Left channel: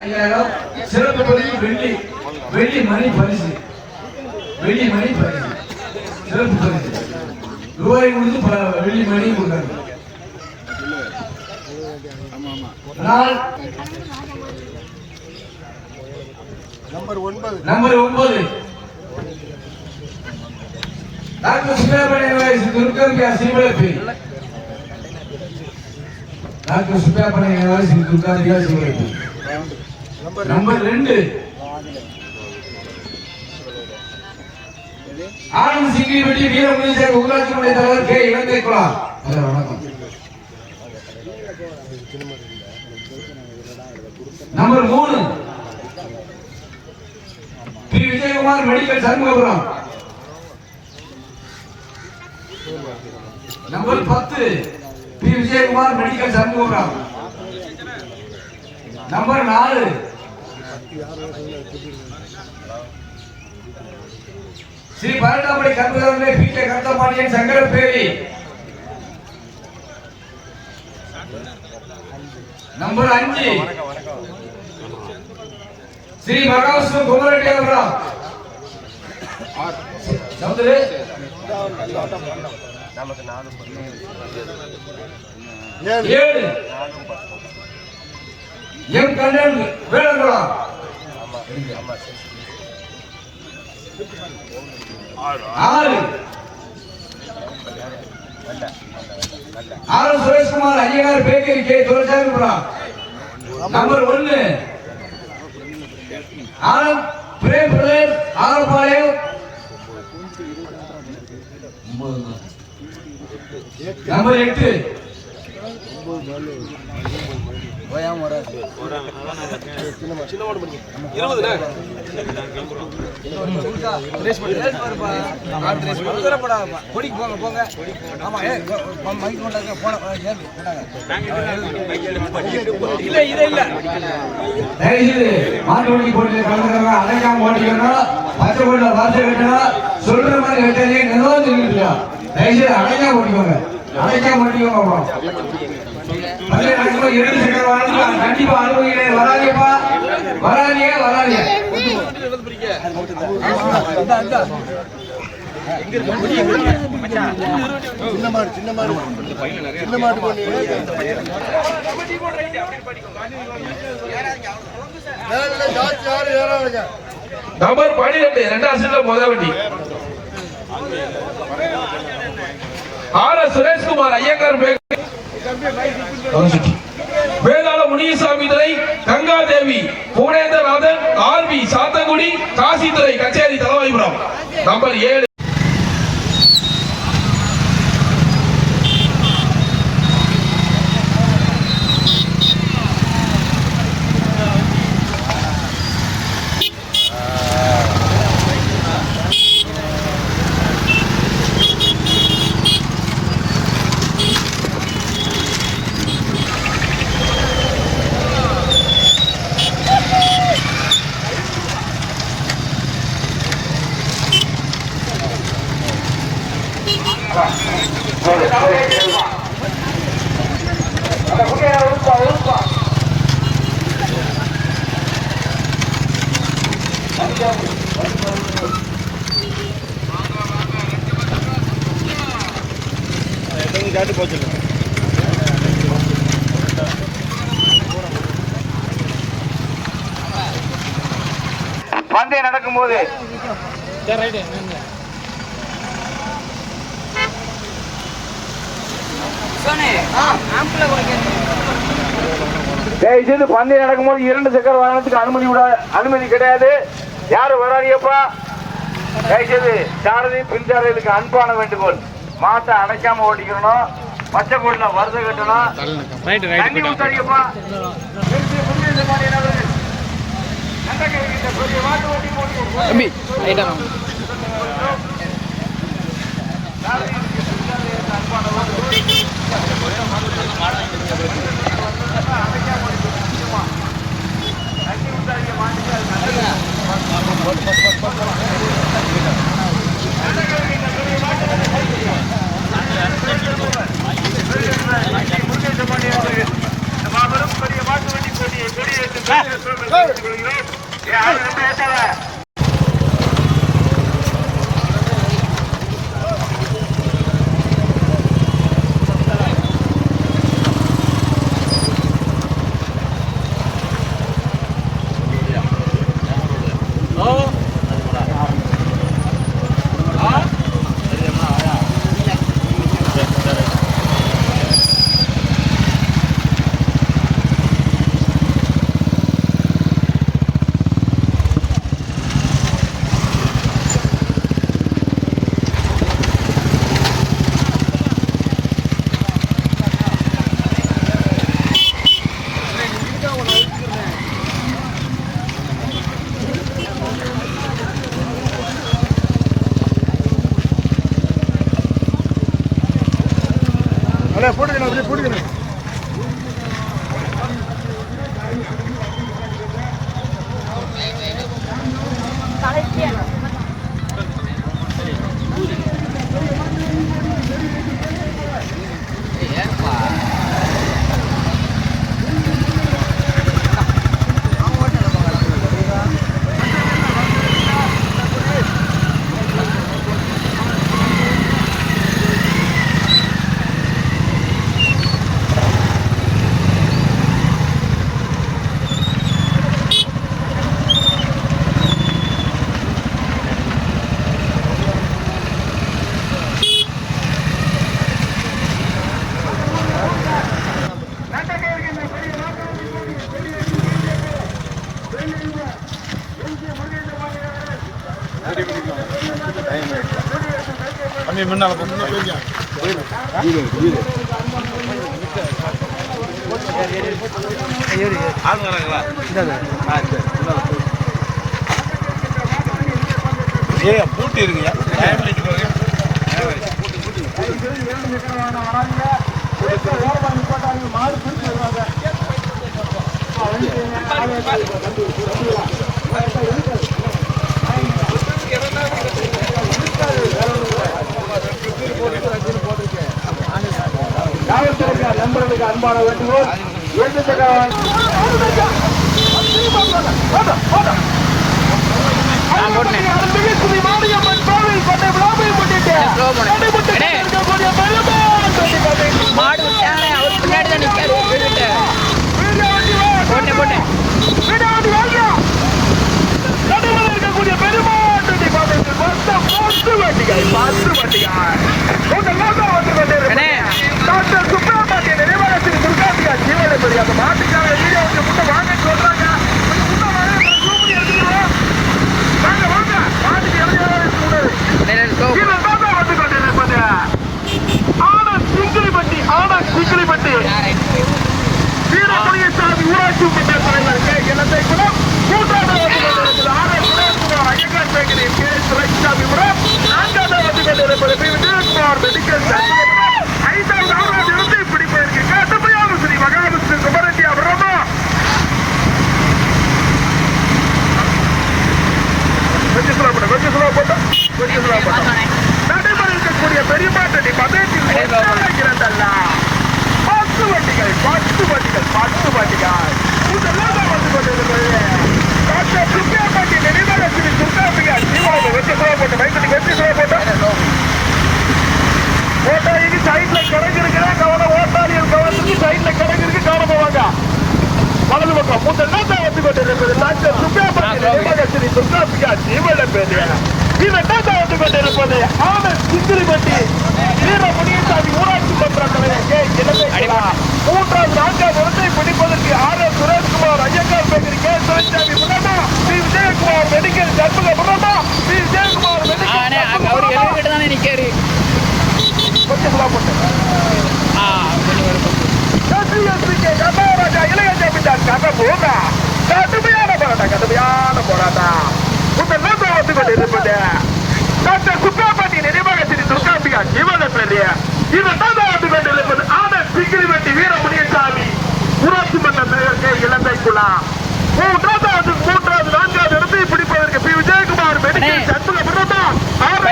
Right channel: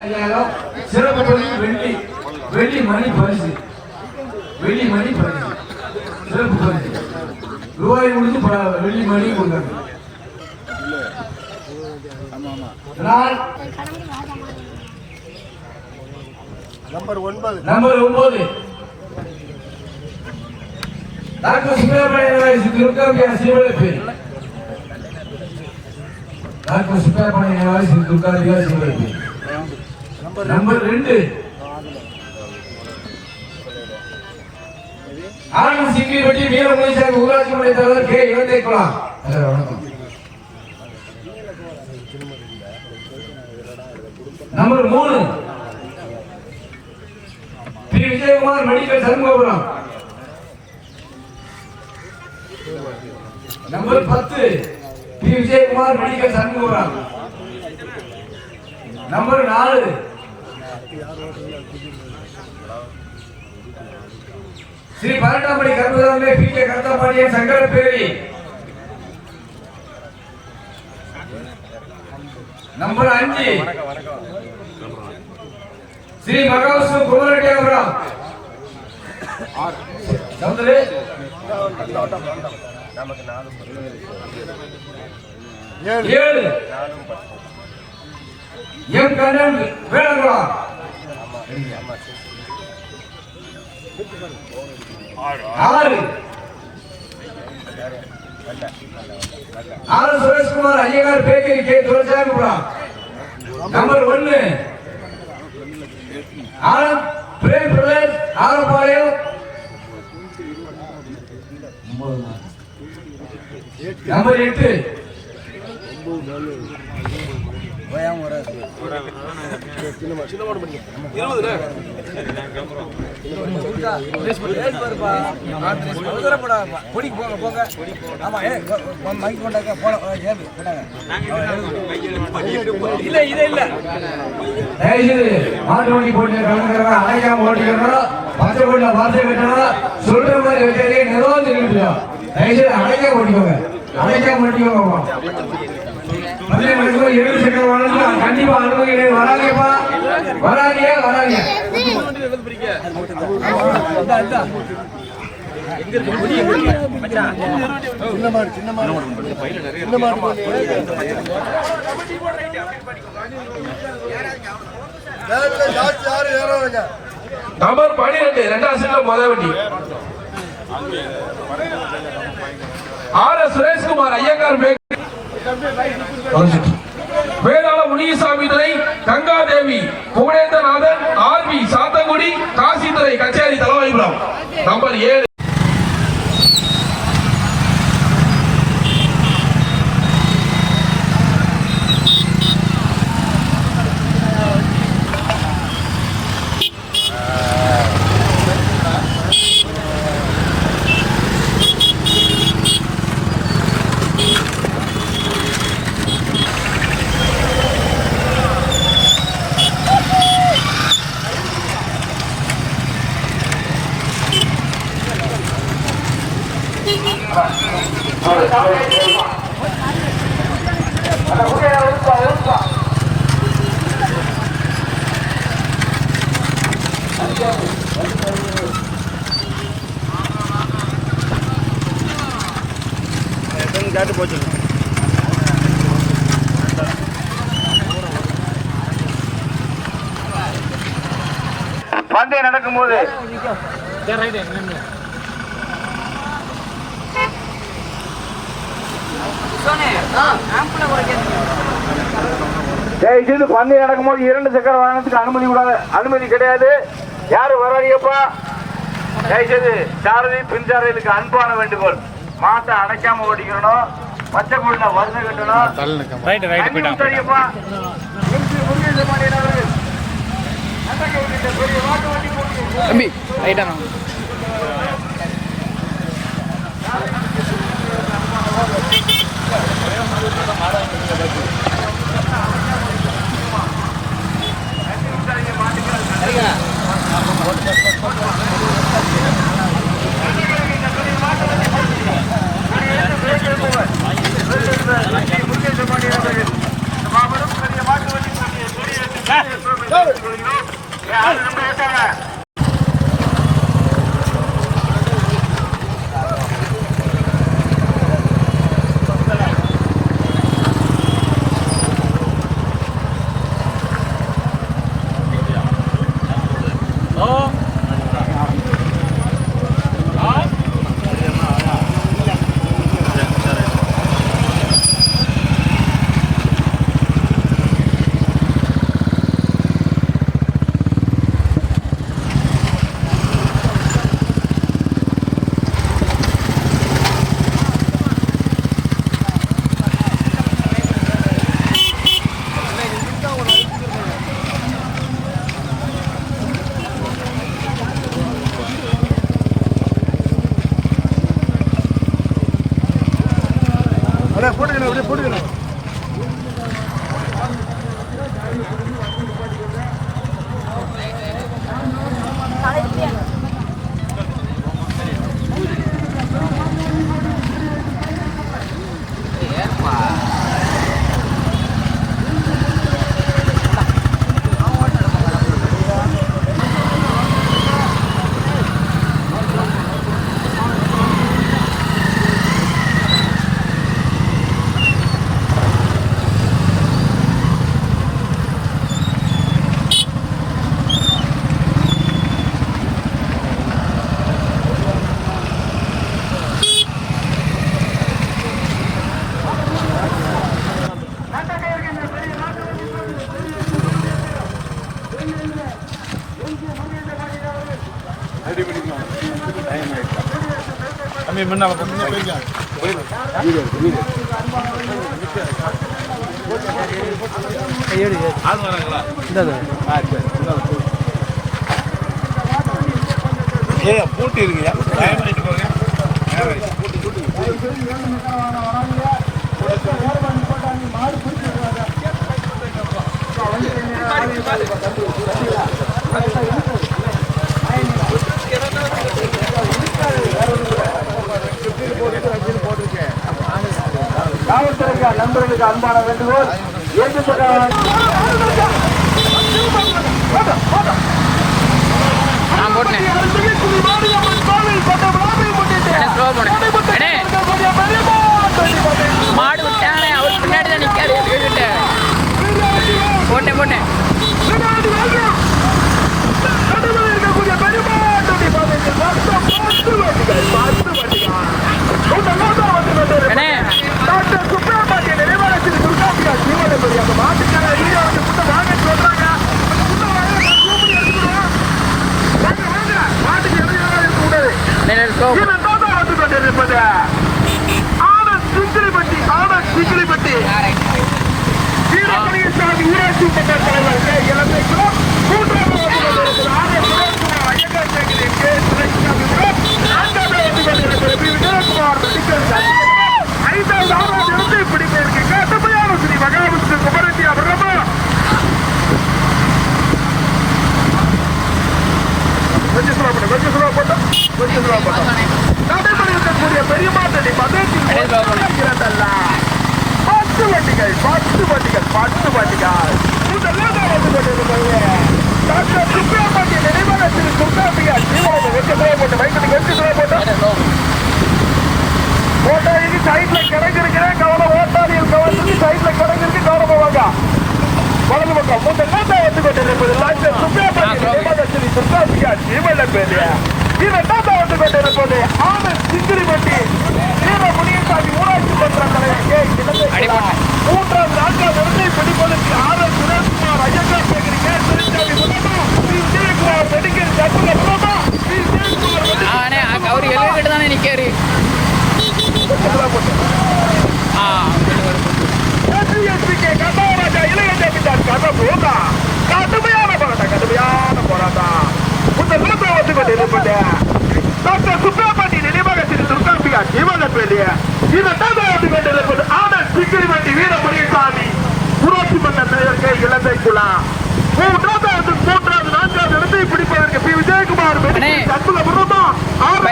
சிறப்பு பரிசு வெள்ளி மணி பரிசு சிறப்பு பரிசு ரூபாய் கொடுத்து வெள்ளி மணி கொடுத்தாங்க. நம்பர் 9 டாக்டர் சுப்பிரமணியன் துர்கா சிவலப்பி டாக்டர் சுப்பிரமணியன் துர்கா சிவலப்பி. நம்பர் 2 ஆனந்த் சிங்கி வெட்டி வீரமணி சார் ஊராட்சி மன்ற தலைவர் கே இளந்தை குளம். வணக்கம். Number 3 P Vijayakumar medical Shanmugapuram. Number 10 P Vijayakumar medical Shanmugapuram. Number 4 Shri பரட்டாமணி கர்மதாமே பீட்டே கர்த்தபாண்டியன் சங்கரப்பேரி. நம்பர் 5 ஸ்ரீ மகாவிஷ்ணு குமரட்டியாபுரம். சமுதிரே நமக்கு 7 M Kannan Velankulam. 6 Sureshkumar Iyengar bakery K Duraisamipuram. Number 1 Anand Prem பிரதேஷ் ஆரப்பாளையம். நம்பர் 8 மாட்டு போட்டு அணைக்காம ஓட்டிக்கணும். பச்சை போட்டு வார்த்தை கட்டணும். சொல்ற மாதிரி கட்டாலே நிர்வாகம் தெரிவிக்கலாம். தயவுசெய்து அணைக்காம ஓட்டிக்கோங்க. கண்டிப்பா அனுமதி வராங்கப்பா. வராங்க சின்ன மாடு நம்பர் 12 2ஆம் செட்ல முதல் வண்டி சுரேஷ்குமார் ஐயங்கார் வேதாள முனிசாமி துறை கங்காதேவி புவனேந்திரநாதன் ஆர்பி சாத்தங்குடி காசித்துறை கச்சேரி தலைமைபுரம். நம்பர் 7 பந்தயம் நடக்கும்போது பந்தயம் நடக்கும்போது 2 சக்கர வாகனத்துக்கு அனுமதி கிடையாது. யாரு வராடியப்பா தயவுசெய்து சாரதி பின் சாரதிக்கு அன்பான வேண்டுகோள். மாட்டை அடைக்காம ஓட்டிக்கணும். பச்சை கோட்டில் வருத கட்டணும். முன்னால போட்டு பூட்டி இருக்குங்க நண்பர்களுக்கு அன்பான வேண்டுகோள் மாடு விட்டானே அவர் பின்னாடி தான் நிற்காரு போட்டேன் போட்டேன் இருக்கக்கூடிய பெருமாட்டி டாக்டர் சுப்ரமணிய நினைவாலயத்தில் துர்காந்திகா ஜீவனை பெரிய அந்த மாட்டுக்கான வீடியோ வந்து முன்ன வாங்க சொல்றாங்க வாங்க வாங்க மாட்டுக்கு இடையில இருக்க கூடாது வந்து கொண்டிருப்பது சிங்கிளிப்பட்டி சிங்கிளிப்பட்டி சாமி ஊராட்சி மன்ற தலைவர் இலங்கை குலம் ஐந்தாவது இடத்தை பிடிப்பதற்கு கடுமையான ஸ்ரீ மகாவிஷ்ணு குமரஞ்சியா பிரமா கொஞ்சம் சுலா போட்டோம் நடைமுறை இருக்கக்கூடிய பெரியமாட்டடி பதத்தில் இரண்டல்ல 10 வண்டிகள் முதல்ல வந்து கொண்டிருக்கிறது டாக்டர் சுப்பிரமணிய நினைவாலயத்தில் துர்காம்பிகா ஜீவாவை வெற்றி போட்டு வைக்கட்டி வெற்றி போட்டோம் ஓட்டாளிக்கு சைட்ல கிடங்கு இருக்கிறேன் கவனம் ஓட்டாளிகள் கவனத்துக்கு சைட்ல கிடங்கு இருக்கு கவனம் போவாங்க வலது பக்கம் முதல்ல வந்து கொண்டிருப்பது டாக்டர் சுப்பிரமணிய நினைவாலயத்தில் துர்காம்பிகா ஜீவன பேரு இரண்டாவது வந்து கொண்டிருப்பது ஆனந்த் சிங்கிரிப்பட்டி வீரமுனியசாமி ஊராட்சி மன்ற தலைவர் மூன்றாவது நான்காவது இடத்தை பிடிப்பதற்கு R Sureshkumar Iyengar bakery K Sureshsamy முன்னாடி விஜயகுமார் மெடிக்கல் ஜர்மல முன்னாடி விஜயகுமார் மெடிக்கல் அவர் எழுதிட்டு தானே நிற்காரு போட்டு கடுமையான போராட்டம் முதல்ல வந்து கொண்டிருப்பது டாக்டர் சுப்பிரமணிய நினைவாலயத்தில் துர்காம்பிகா ஜீவன பேரு இரண்டாவது வந்து கொண்டிருப்பது ஆனந்த் சிங்கிரிப்பட்டி வீரமுனியசாமி ஊராட்சி மன்ற தலைவர் இலந்தை குலா மூன்றாவது நான்காவது இடத்தை பிடிப்பதற்கு பி விஜயகுமார் மெடிக்கல் சண்முக பிரமா அவர்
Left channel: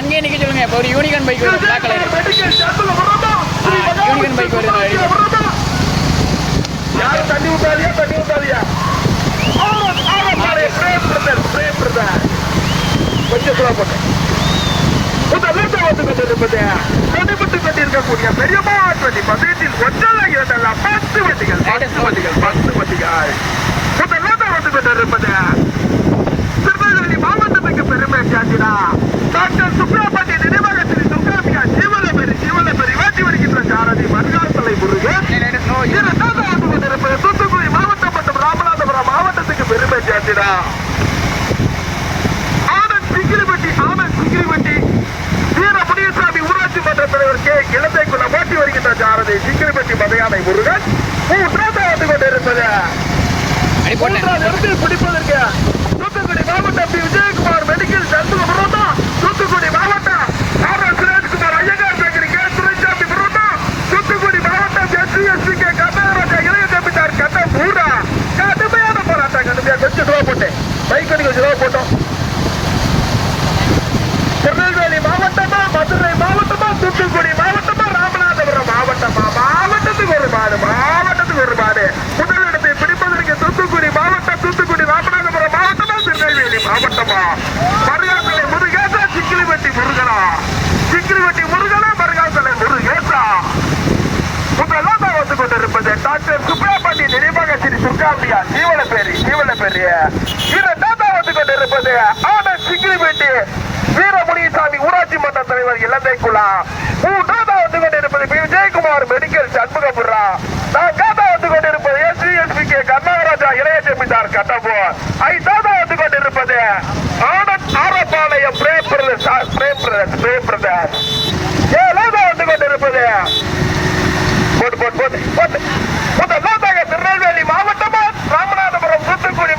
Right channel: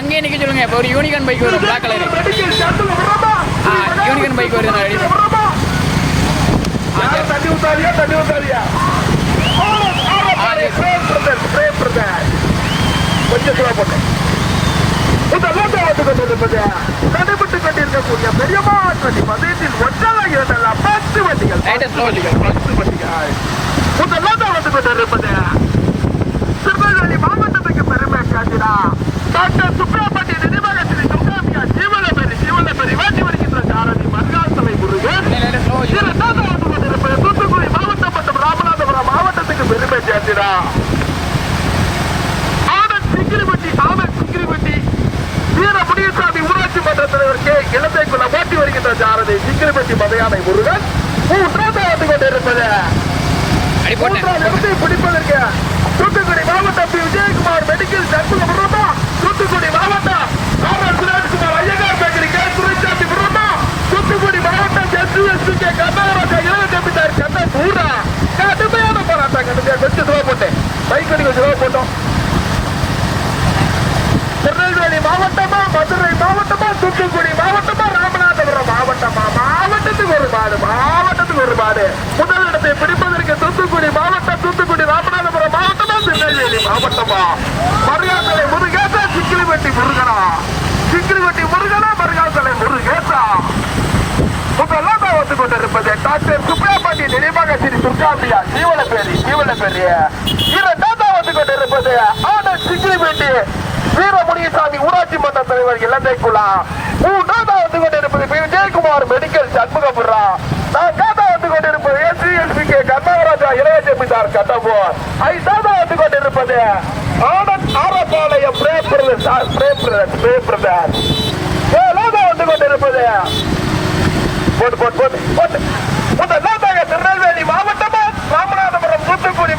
அங்கே நிக்க சொல்லுங்க ஒரு யூனிகான் பைக் வரும் பிளாக் கலர் பைக் வருது யாரும் தண்ணி ஊத்தாதியா தண்ணி ஊத்தாதியா கொஞ்சம் சுலா போட்டேன் தனிப்பட்டு கொண்டிருக்கக்கூடிய பெரியமாட் வண்டி பதினெட்டில் ஒன்றல்ல இரண்டல்ல 10 வண்டிகள் 10 வண்டிகள் முதல்ல வந்து கொண்டிருப்பது திருநெல்வேலி மாவட்டத்துக்கு பெருமை சேர்த்தினா டாக்டர் சுப்ராபட்டி நினைவகத்தில் துர்காம்பிகா ஜீவனபெரி வாட்டி வருகின்ற சாரதி மருகாசலை முருகன் இரண்டாவது வந்து கொண்டிருப்பது தூத்துக்குடி மாவட்டம் மற்றும் ராமநாதபுரம் மாவட்டத்துக்கு பெருமை சேர்த்தினா ஆனந்த் சிங்கிரிபட்டி வீர முனியசாமி ஊராட்சி மன்ற தலைவர் கே இளந்தைக்குள்ள ஓட்டி வருகின்ற சாரதி சிங்கிரிபட்டி மதையானை முருகன் மூன்றாவது வந்து கொண்டிருப்பது பிடிப்பதற்கு தூத்துக்குடி மாவட்டம் பி விஜயகுமார் மெடிக்கல் சண்முகம் விரோதா தூத்துக்குடி மாவட்டம் R S Sureshkumar Iyengar bakery K Duraisamy விரோதா தூத்துக்குடி மாவட்டம் எஸ்பி கே கர்நாடகா இளைய ஜமீன்தார் கண்ணன் பூரா கடுமையான போராட்டம் கடுமையா கொஞ்சம் சுலா போட்டேன் பைக் கொஞ்சம் சுலா போட்டோம் திருநெல்வேலி மாவட்டமா மதுரை மாவட்டமா தூத்துக்குடி மாவட்டமா ராமநாதபுரம் மாவட்டத்துக்கு ஒரு மாடு முதலிடத்தை பிடிப்பதற்கு தூத்துக்குடி மாவட்டம் தூத்துக்குடி ராமநாதபுரம் மாவட்டமா திருநெல்வேலி மாவட்டமா மருகாசலை முருகேசா சிக்கிலிவெட்டி முருகனா மருகாசலை முருகேசா முதலாம் வந்து கொண்டிருப்பது டாக்டர் சுப்ராபட்டி நினைவாக ஸ்ரீ துர்காம்பியா ஜீவனபெரி இரண்டாம் வந்து கொண்டிருப்பது ஆனந்த் சிக்கிலிவெட்டி வீரமுனியசாமி ஊராட்சி மன்ற தலைவர் இலந்தைக்குள்ளா மூன்றாவது வந்து கொண்டிருப்பது பி விஜயகுமார் மெடிக்கல் சண்முகபுரா நான்காவது வந்து கொண்டிருப்பது எஸ்பி கே கர்நாடகா இளைய ஜமீன்தார் கட்டபோர் ஐந்தாவது வந்து கொண்டிருப்பது ஆனந்த் ஆரப்பாளையம் பிரேம் பிரதர் ஏழாவது வந்து கொண்டிருப்பது முதலாவதாக திருநெல்வேலி மாவட்டமா ராமநாதபுரம் தூத்துக்குடி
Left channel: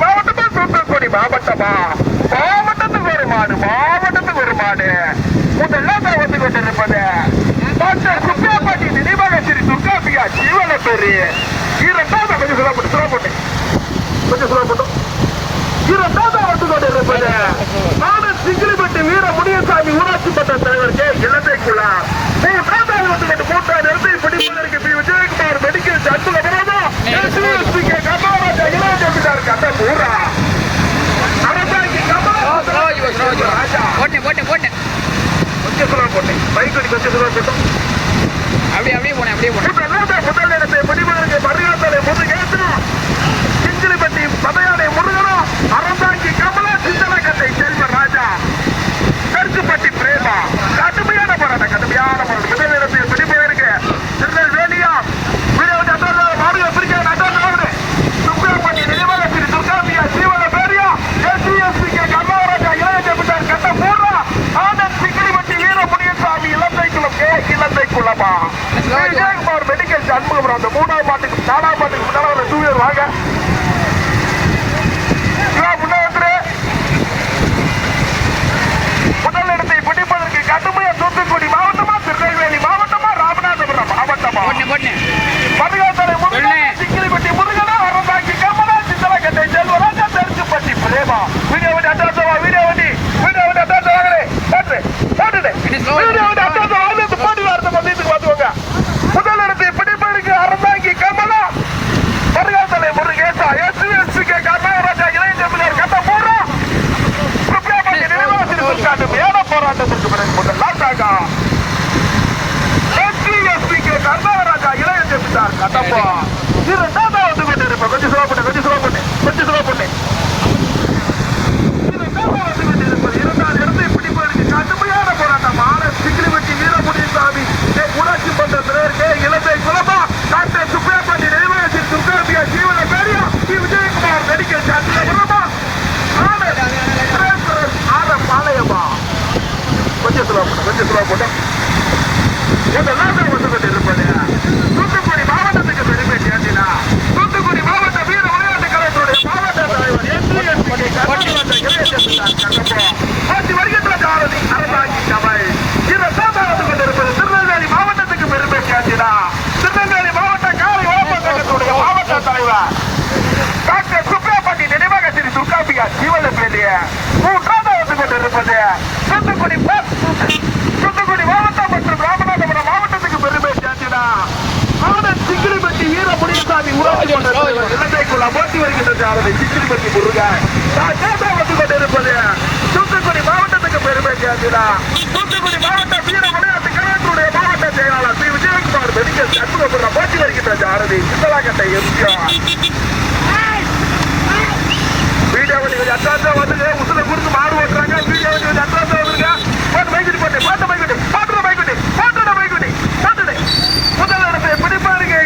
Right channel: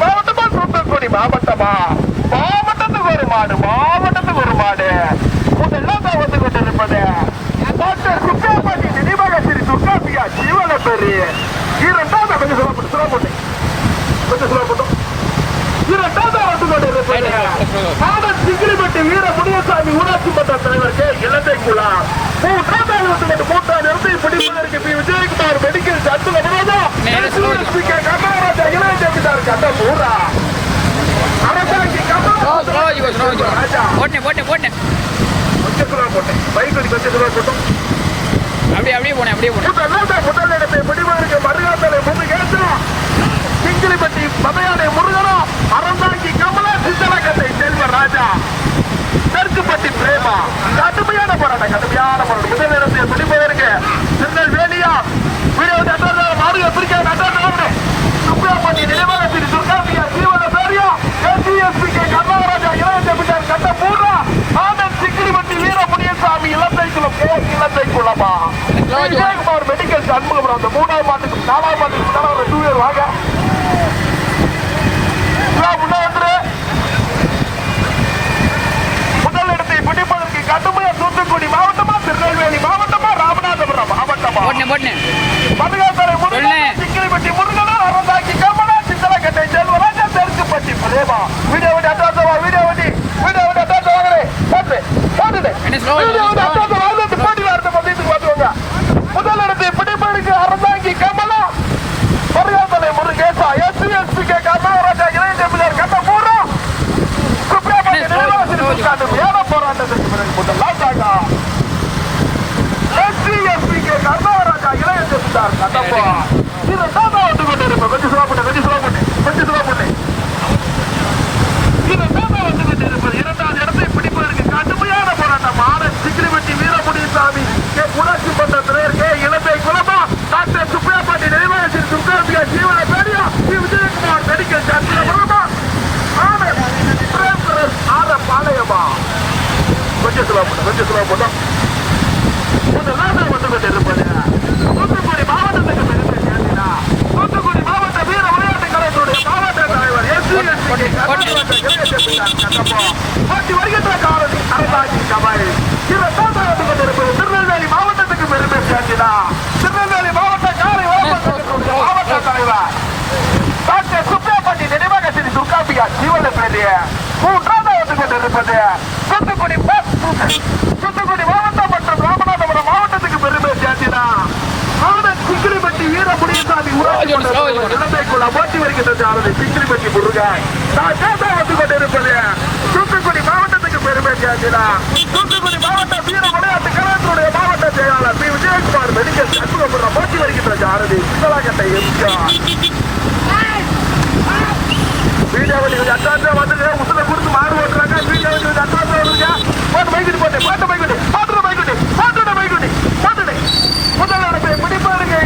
மாவட்டமா மாவட்டத்துக்கு ஒரு மாடு முதலாவதாக வந்து கொண்டிருப்பது டாக்டர் சுப்ராபட்டி நினைவாக ஸ்ரீ துர்காம்பிகா ஜீவனபெரி இரண்டாவது கொஞ்சம் சுலா போட்டோம் இரண்டாவது வந்து கொண்டிருப்பது ஆனந்த் சிங்கிலிபட்டி வீர முனியசாமி ஊராட்சி மன்ற தலைவர் கே இலந்தைக்குள்ளா மூன்றாவது வந்து கொண்டு மூன்றாவது இடத்தை பிடிப்பதற்கு P Vijayakumar medical Shanmuga K Karnataka இளைய ஜமீன்தார் கண்ணன் பூரா போட்டேன் கொஞ்சம் சுலா போட்டேன் பைக் கொஞ்சம் சுலா போட்டோம் அப்படியே போனேன் முதல் இடத்தை பிடிப்பதற்கு மருகாசலை முருகேசா சிங்கிலிபட்டி மதையானை முருகனா அறந்தாங்கி கமலா சிந்தலக்கட்டை செல்வராஜா தெற்குப்பட்டி பிரேமா கடுமையான போராட்டம் முதல் இடத்தை பிடிப்பதற்கு திருநெல்வேலியா மாடுக பிரிக்க சுப்ராபட்டி நினைவாக ஸ்ரீ துர்காம்பியா ஜீவனபெரியா எஸ்பி கே கர்நாடகா இளைய ஜமீன்தார் கண்ணன் பூரா ஆனந்த் சிங்கிலிபட்டி வீர முனியசாமி இலந்தைக்குள்ளமா விஜயகுமார் மெடிக்கல் சண்முகம் அந்த மூணாவது மாட்டுக்கு நாலாவது மாட்டுக்கு முன்னால ஒரு 2 வீலர் வாங்க முதல் இடத்தை பிடிப்பதற்கு கடுமையா தூத்துக்குடி மாவட்டமா திருநெல்வேலி மாவட்டமா ராமநாதபுரம் மாவட்டமா மருகாசலை முருகன் சிங்கிலிபட்டி முருகனா அறந்தாக்கி கமலா சிந்தலக்கட்டை செல்வராஜா தெற்குப்பட்டி பிரேமா வீடியோ வண்டி அட்டாச வாங்களே முதல் இடத்தை பிடிப்பதற்கு அறந்தாங்கி கமலா மருகாசலை முருகேசா எஸ்பி கே கர்நாடகா இளைய ஜமீன்தார் கண்ணன் பூரா சுப்ராபட்டி நினைவாக கடுமையான போராட்டத்திற்கு பிறகு முதலாவதாக எஸ்பி கே கர்நாடகா இளைய ஜமீன்தார் கட்டப்பா இரண்டாவது வந்து கொண்டிருப்பேன் கொஞ்சம் சுலா போட்டேன் இரண்டாவது வந்து கொண்டிருப்பது இரண்டாவது இடத்தை பிடிப்பதற்கு கடுமையான போராட்டம் ஆனந்த் சிங்கிலிபட்டி வீர முனியசாமி ஊராட்சி மன்ற தலைவர் கே இலந்தை குலமா டாக்டர் சுப்ராபட்டி நினைவாக ஸ்ரீ துர்காம்பியா ஜீவனபெரியா பி விஜயகுமார் மெடிக்கல் சண்முகபுரமா ஆனந்த் ஆரப்பாளையமா கொஞ்சம் சுலா போட்டோம் வந்து கொண்டிருப்பது தூத்துக்குடி மாவட்டத்துக்கு பெருமை சேர்ந்தினா தூத்துக்குடி மாவட்ட வீர விளையாட்டு கழகத்துடைய மாவட்ட தலைவர் வருகின்ற காரணி அரசாங்கி கமல் வந்து கொண்டிருப்பது திருநெல்வேலி மாவட்டத்துக்கு பெருமை சேர்ந்தினா திருநெல்வேலி மாவட்ட காலை வளர்ப்புடைய மாவட்ட தலைவர் டாக்டர் சுப்ராபட்டி நினைவாக ஸ்ரீ துர்காம்பிகா ஜீவனபெரி மூன்றாவது வந்து கொண்டிருப்பது தூத்துக்குடி மாவட்டம் மற்றும் ராமநாதபுரம் மாவட்டத்துக்கு பெருமை சேர்த்தினா முனியசாமி ஊராட்சி மன்ற தலைவர் இலங்கைக்குள்ள போட்டி வருகின்ற சாரதி சிக்கிரிப்பட்டி முருகன் வந்து கொண்டிருப்பது தூத்துக்குடி மாவட்டத்துக்கு பெருமை சேர்ந்தா தூத்துக்குடி மாவட்ட வீர விளையாட்டு கழகத்தினுடைய மாவட்ட செயலாளர் பி விஜயகுமார் மெடிக்கல் சண்முகபுர போட்டி வருகின்ற சாரதி சித்தலாக்கட்டை எம்ஜிஆர் வீடியோ வண்டி கொஞ்சம் அட்ராக்டா வந்துங்க உசுல குறித்து மாடு ஓட்டுறாங்க வீடியோ வண்டி கொஞ்சம் அட்ராக்டா வந்துருங்க போட்டு பைக்குட்டி போட்டு பைக்குட்டி போட்டுடு முதல் இடத்தை பிடிப்பாருங்க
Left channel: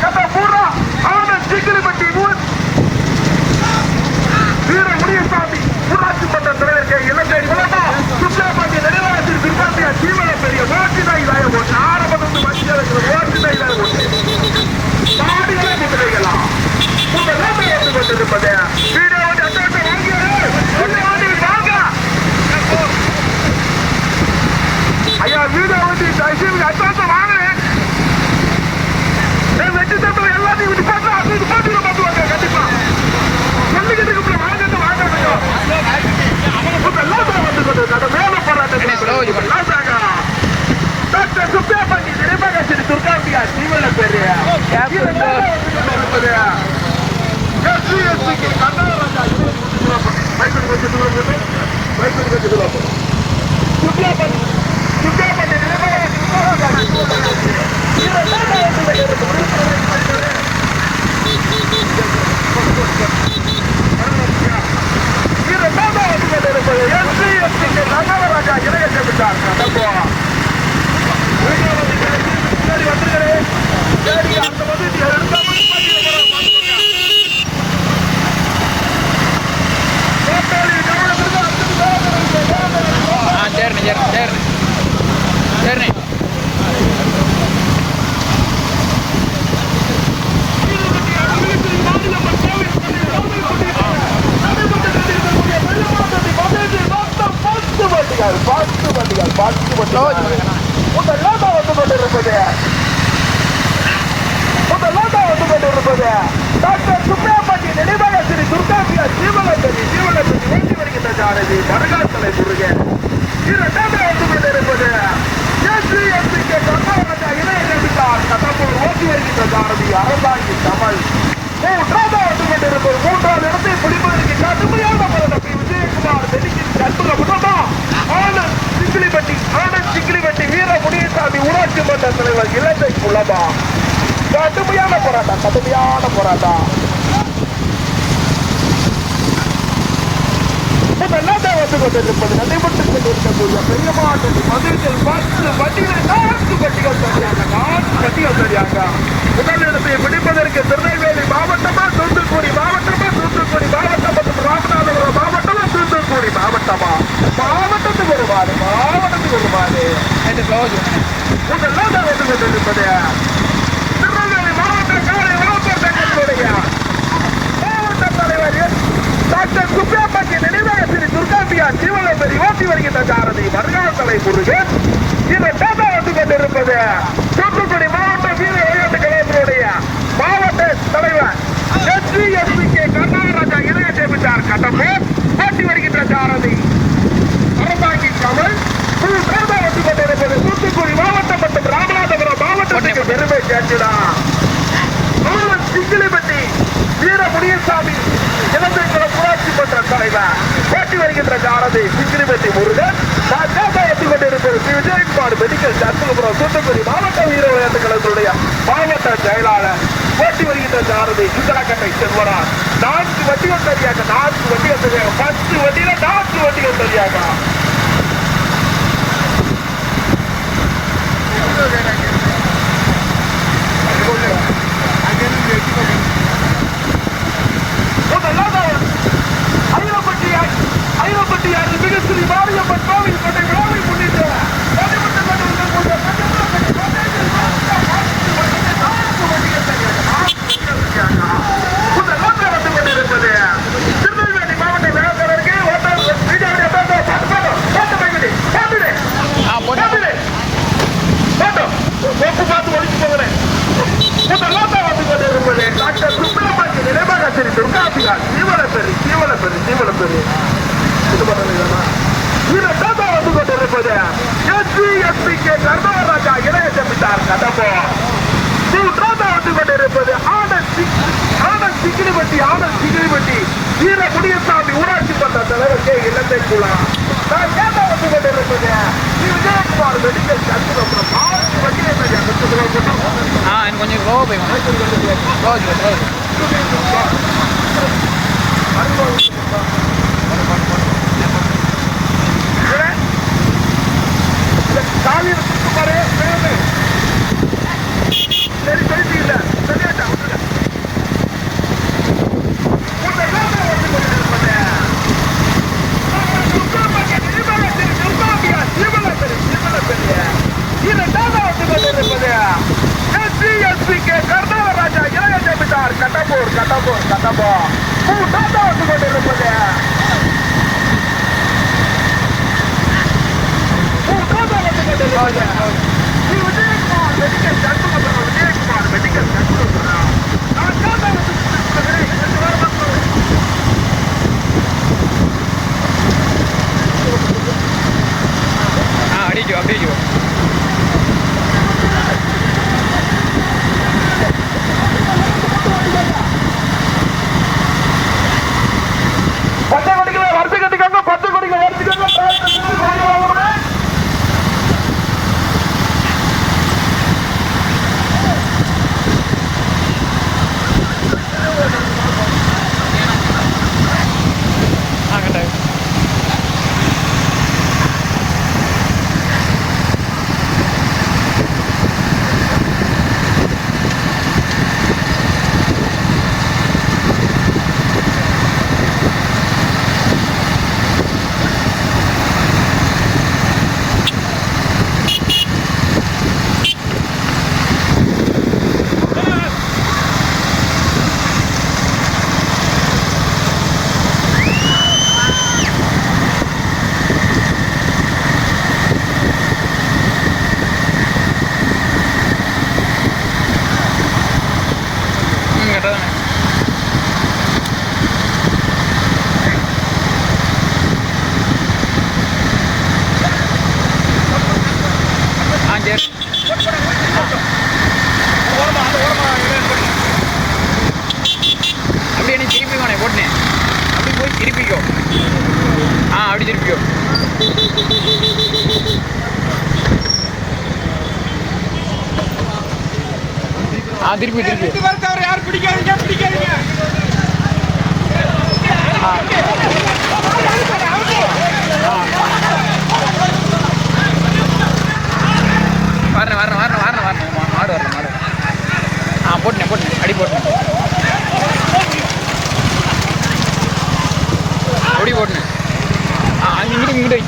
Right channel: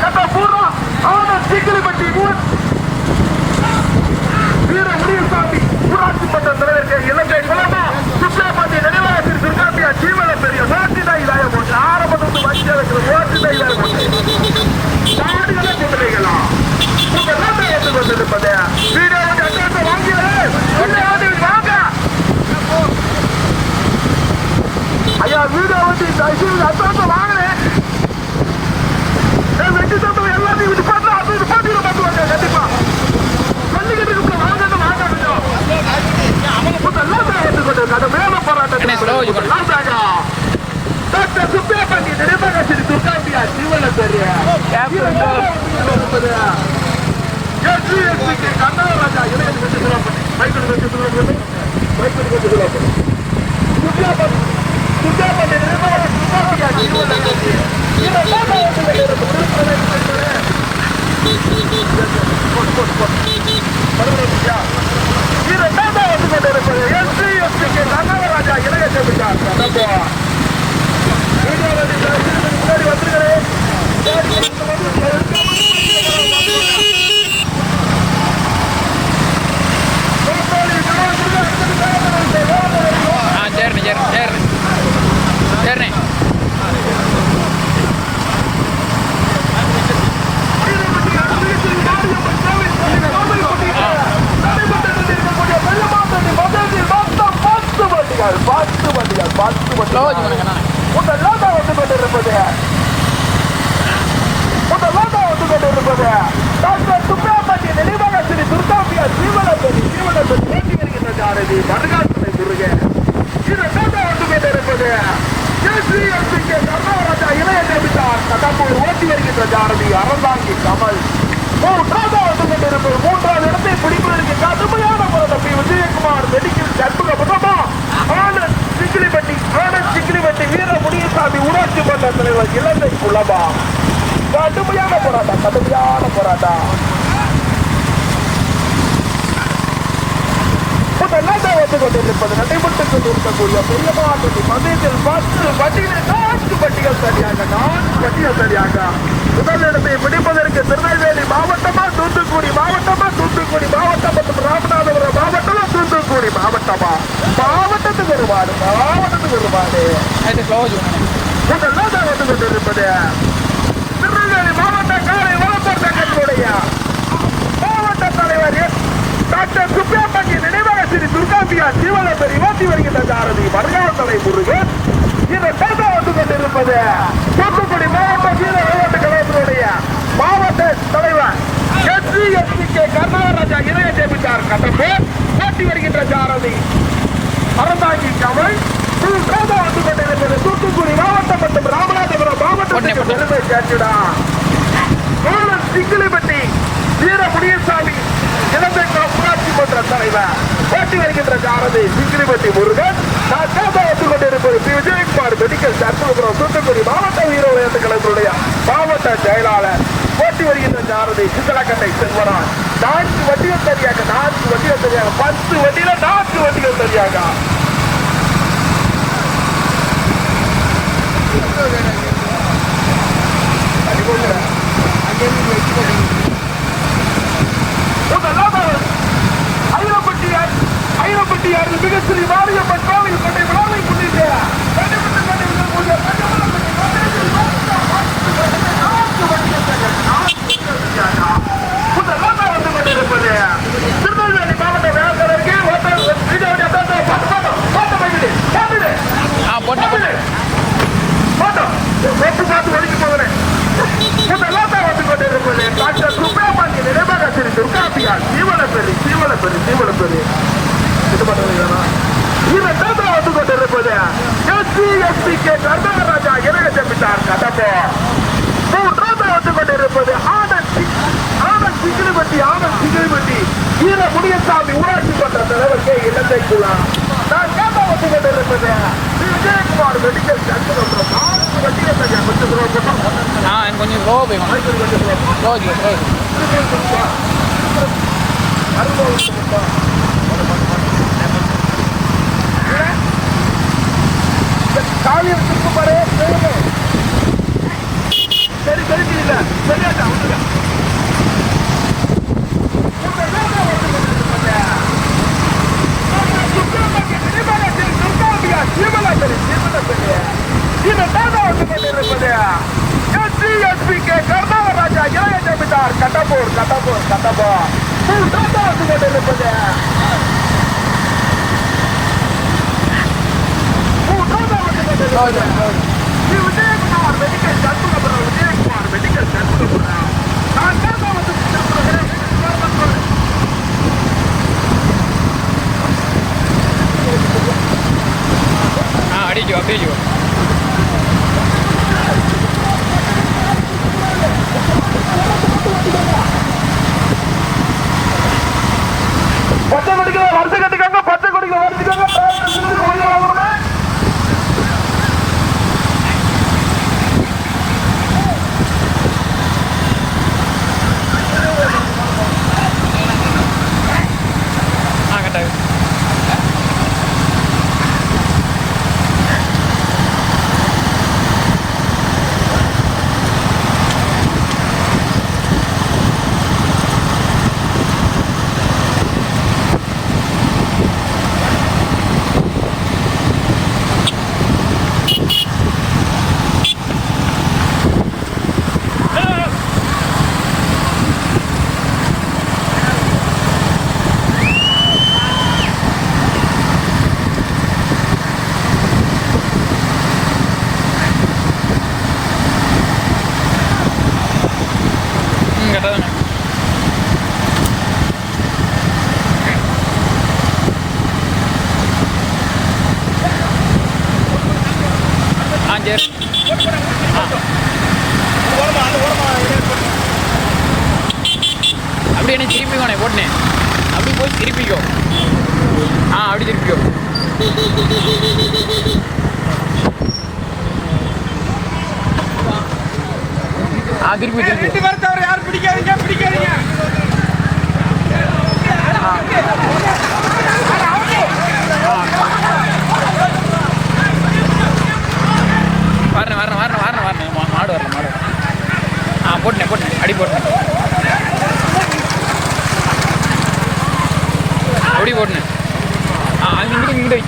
கட்ட பூரா அவன சிக்கிரிப்பட்டி வீர முனியசாமி ஊராட்சி மன்ற தலைவர் இலங்கை விளம்பா சுப்லாபாண்டி நினைவாளத்தில் துர்காந்தியா சீவன பெரிய ஓட்டி தாய் போட்டு ஆரம்பத்து மத்திய ஓட்டி தாய் போட்டு தாடிகளை நிர்ணயிக்கலாம் கொண்டிருப்பது வீடியோ வாங்க ஐயா வீடியோ வண்டி அட்வான்ஸ் வாங்கினேன் வெட்டி தட்டு எல்லாத்தையும் விட்டு பார்த்து அது இது போட்டியில பார்த்துவாங்க கண்டிப்பா சொல்லிக்கிட்டு வாங்க வாங்க வந்து கொண்டிருக்காங்க மேல போராட்டத்தில் சுப்பே பண்ணி நினைவாக துர்காம்பியா ஜீவன பேரு இருப்பது கர்நாடகா இளைஞர் கர்நாடகராஜா இளைய செவிட்டார் முன்னாடி வந்துருக்கிறேன் சரிண்ணே சுப்ரமணிய நினைவாக ஸ்ரீ துர்காம்பியா ஜீவனபதி ஓட்டி வருகின்ற சாரதி மருகாசனை முருகன் இரண்டாவது வந்து கொண்டிருப்பது கர்நாடகா இளைய ஜெமிட்டார் கடம்பூர் ஓட்டி வருகின்ற சாரதி அறந்தாங்கி கமல் மூன்றாவது வந்து கொண்டிருப்பது மூன்றாவது இடத்தை பிடிப்பதற்கு கடுமையான போராட்டம் பி விஜயகுமார் மெடிக்கல் சண்முகபுரமா ஆனந்த் சிக்கிலிப்பட்டி வீர முனியசாமி ஊராட்சி மன்ற தலைவர் இலங்கை குலமா கடுமையான போராட்டம் வந்து கொண்டிருப்பது நடைபெற்றுக் கொண்டிருக்கக்கூடிய பெரிய மாவட்டத்தில் மதுரையில் 10 வண்டிகள் 4 வண்டிகள் சரியாக முதலிடத்தை பிடிப்பதற்கு திருநெல்வேலி மாவட்டமா தூத்துக்குடி மாவட்டம் மற்றும் ராமநாதபுரம் மாவட்டமா தூத்துக்குடி மாவட்டத்துக்கு வருவாடு முதல்ல வந்து கொண்டிருப்பது திருநெல்வேலி மாவட்ட காலை வளர்ப்போர் சங்கத்தினுடைய மாவட்ட தலைவர் டாக்டர் சுப்பிரமணிய நினைவாக ஸ்ரீ துர்காம்பியா ஜீவனபதி ஓட்டி வருகின்ற சாரதி மருகாசனை முருகன் இரண்டாவது வந்து கொண்டிருப்பது தூத்துக்குடி மாவட்ட வீர விளையாட்டு கழகத்தினுடைய மாவட்ட தலைவர் SC கர்நாடகா இளைய ஜெமிட்டார் கடம்பூர் ஓட்டி வருகின்ற சாரதி அறந்தாங்கி கமல் மூன்றாவது வந்து கொண்டிருப்பது தூத்துக்குடி மாவட்டம் மற்றும் ராமநாதபுரம் மாவட்டத்துக்கு பெருமை சேர்த்துடா சிங்கிலிப்பட்டி வீர முனியசாமி இலங்கைக்குளம் ஊராட்சி மன்ற தலைவர் ஓட்டி வருகின்ற சாரதி சிங்கிலிப்பட்டி முருகன் ஓட்டி கொண்டிருப்பது பி விஜயகுமார் மெடிக்கல் சண்முகபுரம் தூத்துக்குடி மாவட்ட வீர விளையாட்டு கழகத்தினுடைய மாவட்ட செயலாளர் ஓட்டி வருகின்ற சாரதி சித்தலாக்கட்டை செல்வரான் 4 வண்டிகள் சரியாக 10 வண்டியில 4 வண்டிகள் சரியாக ஐரோப்பட்டியாரில் மிகச்சிறி மாரியம்மன் கோவில் கொண்டை விழாவை முன்னிட்டு வந்து கொண்டிருப்பது திருநெல்வேலி மாவட்ட வேளாளருக்கு பார்த்து ஒழிச்சு போகிறேன் வந்து கொண்டிருப்பது டாக்டர் சுப்பிரமணிய நினைவாக ஸ்ரீ துர்காம்பியா ஜீவனபெரி இது பண்ணலைதானா இரண்டாவது வந்து கொண்டிருப்பது SC கர்நாடகா இளைய ஜெமிட்டார் கடம்பூர் கொண்டிருப்பது ஆனந்த் சிக்கிரிப்பட்டி வீர முனியசாமி ஊராட்சி மன்ற தலைவர் கே இலந்தை குலா. நான் கேட்ட வந்து கொண்டிருப்பது விஜயகுமார் மெடிக்கல் சர்க்குலர் மார்ச் வண்டியை கொஞ்சம் ஸ்லோ காவியத்துக்கு பாரு சரி தெரிஞ்சு இல்ல சரியாட்டா விட்டுருக்க கர்நாடகராஜா இளைய ஜமீன்தார் கட்டப்பூர் வந்து கொண்டிருப்பது விஜயகுமார் மெடிக்கல் சர்க்குலர் நான் கேட்டா வந்து அடிக்கோ பச்சை கொடிகளை வரிசை கட்டிக்காங்க கட்டாயம் அப்படியே என்ன திருப்பி வேணே போட்டேன் அப்படி போய் திருப்பிக்கோ அப்படி திருப்பிக்கோ திருப்பி யாரும் பிடிக்காதீங்க வரணும் மாடு போட்டேன் அடி போட்டேன் அப்படி போட்டேன் இங்கிட்டு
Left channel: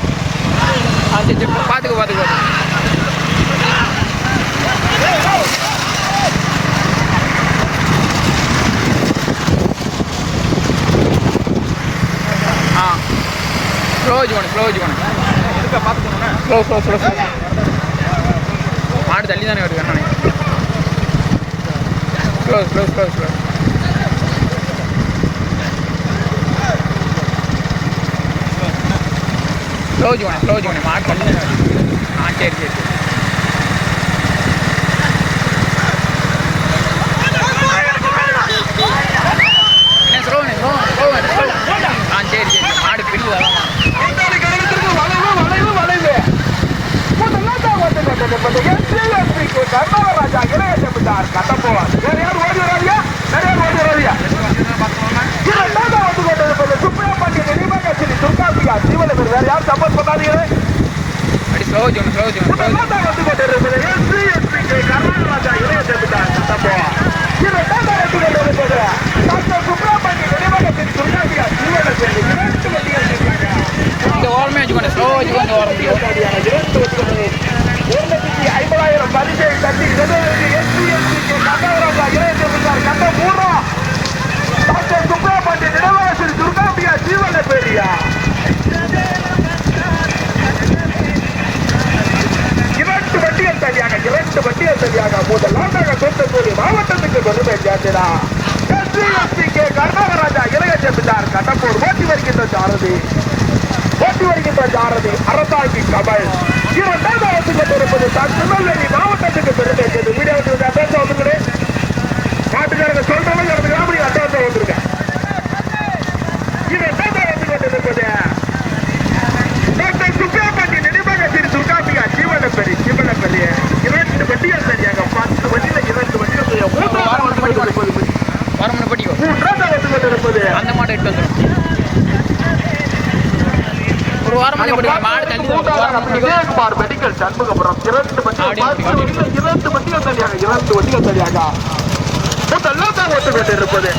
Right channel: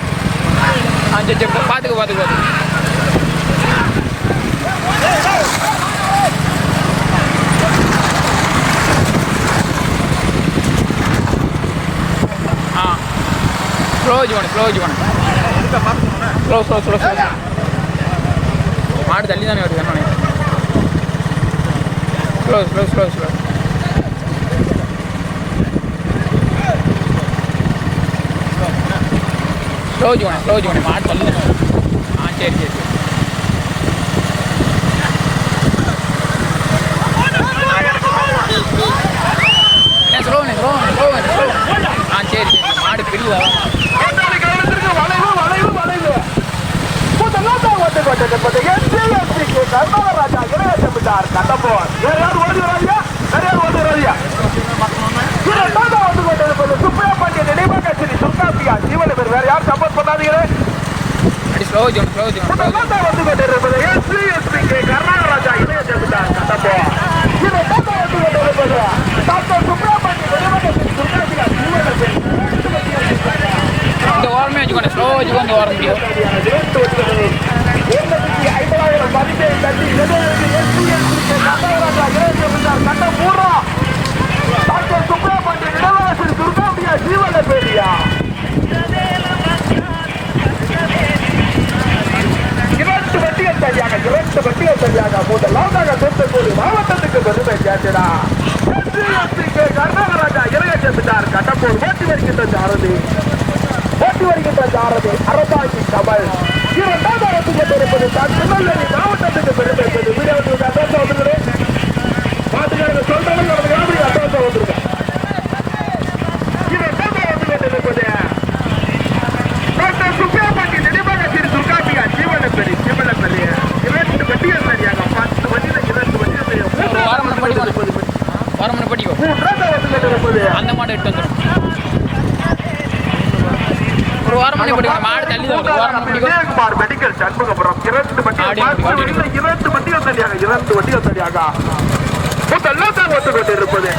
சரி பார்த்துக்கோ ஸ்லோ மாடு தள்ளி தானே வருது கண்ணானே ஸ்லோ மாடு தள்ளி தானே வருது சரி என்ன ஸ்லோ சரி மாடு பிடிவா கர்நாடகராஜா இளைய ஜமீன்தார் கட்டப்போவார் யார் ஓடி வராதியா வந்து கொண்டிருப்பது சுப்ரியா பாண்டிய நினைவாக கட்சி துர்காபியா ஜீவன பேர் வேற யார் சப்போர்ட் பண்ணாதீங்களே வந்து கொண்டிருப்பது எஸ்பி கர்நாடகராஜா இளைய ஜமீன்தார் கட்டப்போவார் வந்து கொண்டிருப்பது டாக்டர் சுப்ரியா பாண்டிய நினைவாக கட்சி துர்காபியா ஜீவன பேர் இந்த ஓரமே வச்சுக்கோங்க ஸ்லோ வச்சுக்கோங்க ஓரம் 50,000 பரிசை கட்டி கர்நாடகராஜா இளைய ஜமீன்தார் கட்ட டாக்டர் சுப்ரியா பாண்டிய நினைவாக துர்காபியா ஜீவன பேரியா இரண்டு வண்டிகள் சரியாக முதலாவதாக தூத்துக்குடி மாவட்டத்துக்கு பெருமை சேர்த்துடா கர்நாடகராஜா இளைய ஜமீன்தார் கட்டப்பூர் ஓட்டி வருகின்ற சாரதி அரசாங்கி கமல் இரண்டாவது கொண்டிருப்பது திருநெல்வேலி மாவட்டத்துக்கு பெருமை சேர்த்து வீடியோ பேச வந்துக்கிறேன் ஓடனே போடுங்க மாடு தள்ளி ஓரமா பிடிக்கும் விஜயகுமார் மெடிக்கல் சண்முகபுரம் 2 வண்டிகள் தனியாக 2 வண்டிகள் தனியாக முதல்லாம் ஒத்துக்கிட்டு இருக்குது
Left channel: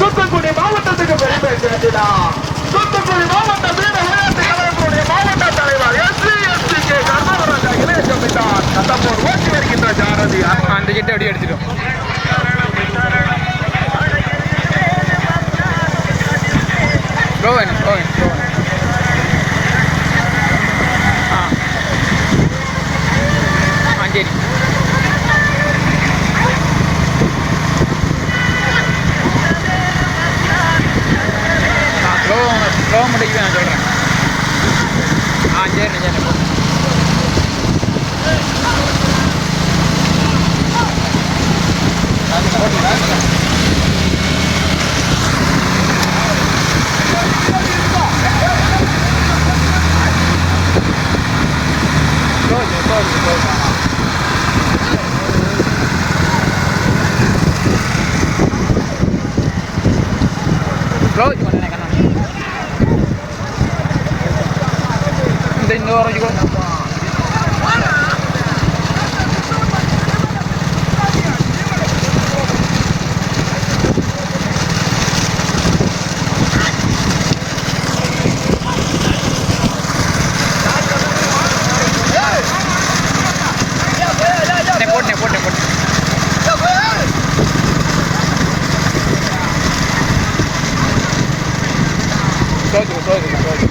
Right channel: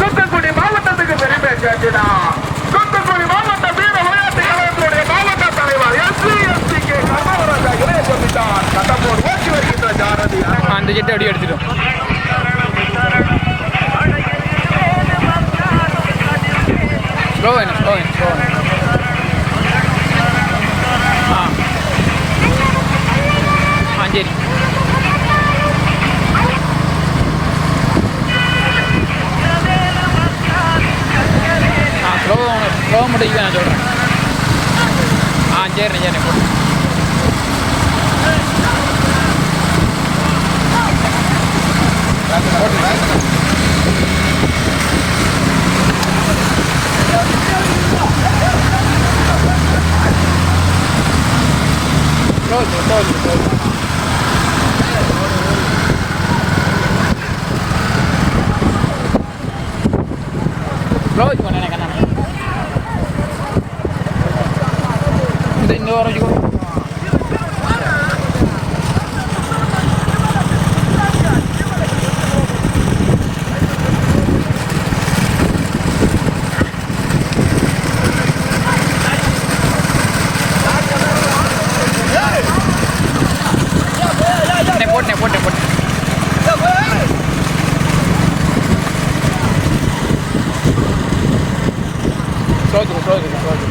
தூத்துக்குடி மாவட்டத்துக்கு பெருமை சேர்த்தினா தூத்துக்குடி மாவட்டத்தில் விளையாட்டு கழகத்துடைய மாவட்ட தலைவர் SC/STK அந்த ஜெட்டு அப்படியே எடுத்துட்டோம் ரோவன் சரி ஸ்லோ முடிக்க நான் சொல்கிறேன் சரிண்ணே போட்டு க்ளோஸ் பண்ணேன் கண்ணா இந்த இன்னும் வரைக்கும் போட்டேன் சோது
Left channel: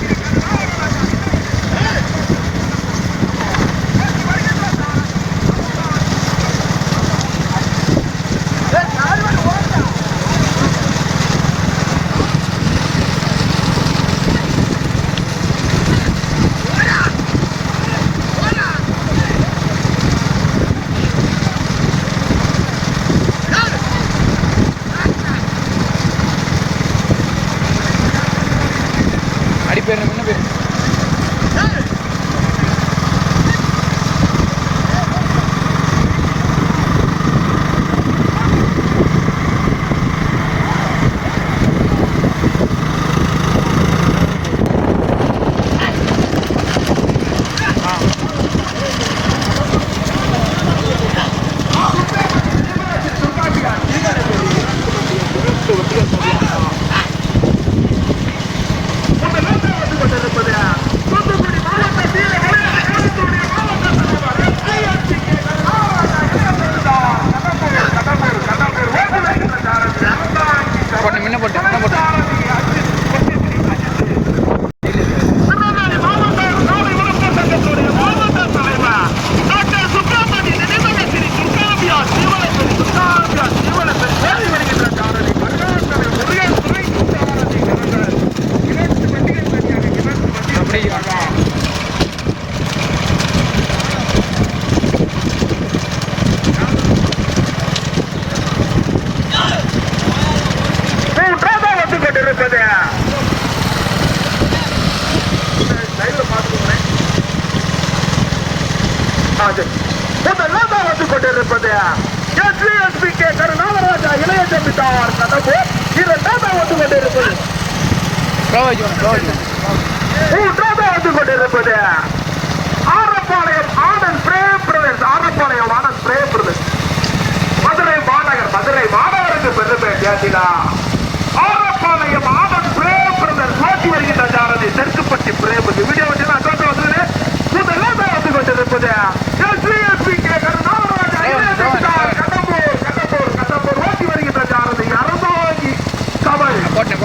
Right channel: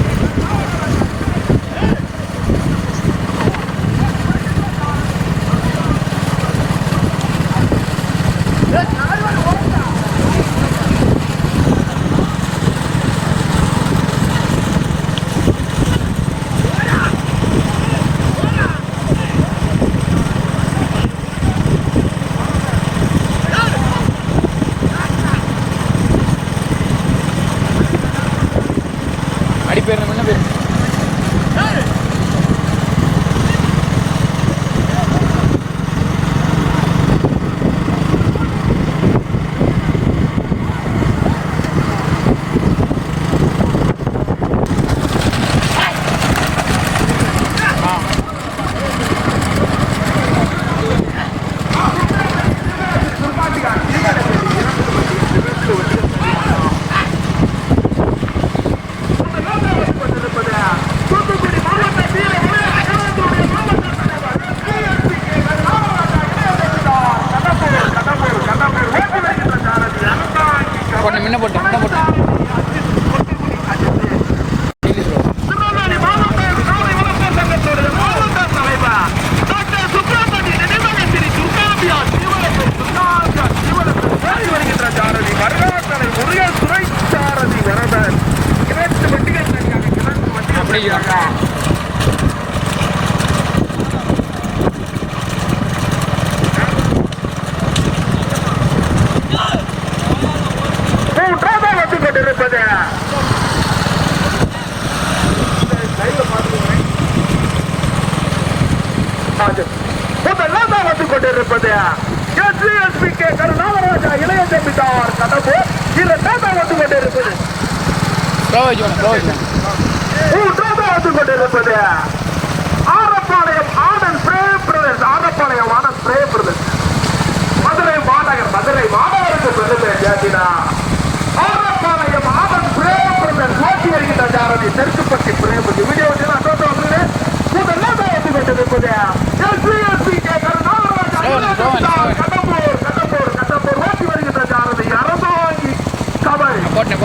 அடிப்பேர் என்ன பேர் முதலாம் வந்து கொண்டிருப்பது SC/STK கருணாகராஜா இளைய ஜமீன்தார் கடம்பூர். இரண்டாவது வந்து கொண்டிருப்பது மூன்றாவது வந்து கொண்டிருப்பது ஆரப்பாளையம் ஆனந்த் பிரேம் பிரதர்ஸ். ஆரப்பாளையம் ஆனந்த் பிரேம் பிரதர்ஸ் மதுரை மாநகருக்கு பெருமை சேர்த்தினா ஆரப்பாளையம் ஆனந்த் பிரேம் பிரதர்ஸ் ஓட்டி வருகின்ற ஜாரதி தெற்குப்பட்டி பிரேம் வீடியோ வச்சு நான் தோட்ட வந்து முதலாம் வந்து கொண்டிருப்பது SC/STK கருணாகராஜா இளைய ஜமீன்தார் கடம்பூர் ஓட்டி வருகின்ற ஜாரதி அரசாங்கி கமல். போட்டேன்